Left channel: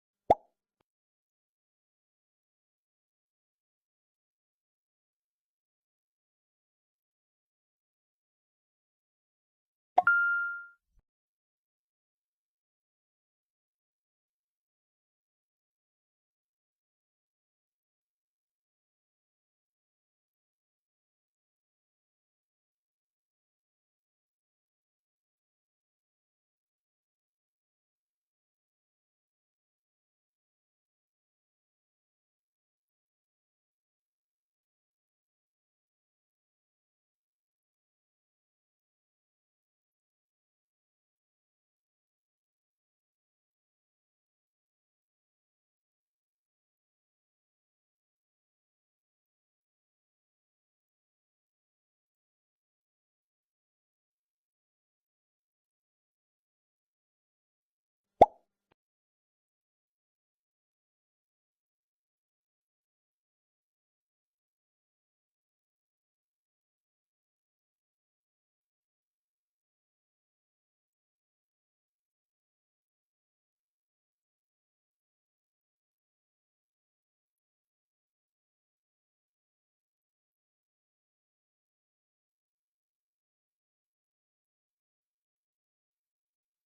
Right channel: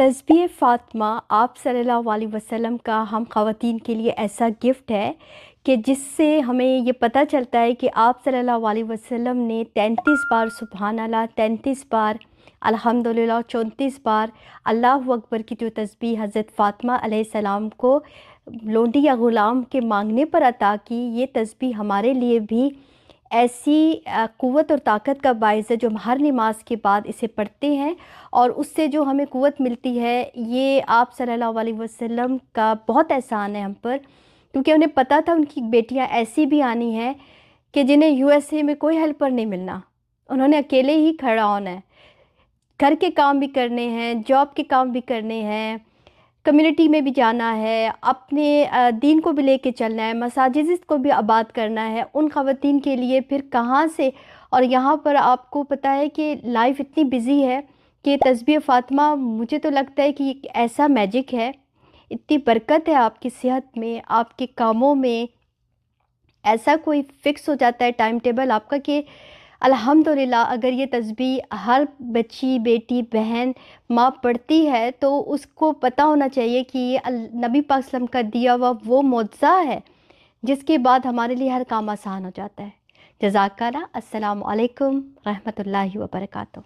तस्बीह फ़ातिमा आप सल्लल्लाहु अलैहि वसल्लम का हम ख़वातीन के लिए ऐसा गिफ्ट है कि जिससे हमें ये पता चलता है कि आप सल्लल्लाहु अलैहि वसल्लम ने 33 बार सुबहान अल्लाह, 33 बार अल्हम्दुलिल्लाह, 34 बार अल्लाहु अकबर की जो तस्बीह हज़रत फ़ातिमा अलैहिस्सलाम को लोंडी या ग़ुलाम के मांगने पर अता की। ये तस्बीह हमारे लिए भी ऐसी क़ुव्वत और ताकत का बाइस है जो हम हर नमाज के बाद इसे पढ़ते हैं और उससे जो हमें क़ुव्वत मिलती है, ये आप सल्लल्लाहु अलैहि वसल्लम का बहुत एहसान है हम पर, क्योंकि उन्हें पता था उनकी बेटियां ऐसी भी आनी हैं कि जिन्हें यूएसए में कोई हेल्पर नहीं मिलना। उन्होंने अकेले ही खड़ा होना है, घर के काम भी करने हैं, जॉब के काम भी करने हैं, कम्युनिटी में भी जाना है, अपने दीन को भी लेके चलना है, मसाजिद को भी आबाद करना है। उन ख़वातीन के लिए फिर कहाँ से, और यहाँ पर आपको पता है कि लाइफ इतनी बिज़ी है कि तस्बीह फ़ातिमा मुझे तो लगता है कि एक ऐसा मैजिक है, इतनी बरकत है आपकी सेहत में, आपके कामों में। ऐसा कोई फ़िक्स हो जाता है टाइम टेबल आपका कि अल्हम्दुलिल्लाह अगर ये तस्बीह हर बच्ची, बेटी, बहन, माँ पढ़ती है तो उसको पता होना चाहिए कि ये नबी पाक सल्लल्लाहु अलैहि वसल्लम का दिया हुआ वो मुअज़्ज़ा है, जिसके बाद हमारे लिए हर काम आसान हो जाता है। जज़ाकल्लाह। अस्सलामु अलैकुम रहमतुल्लाहि व बरकातुहू।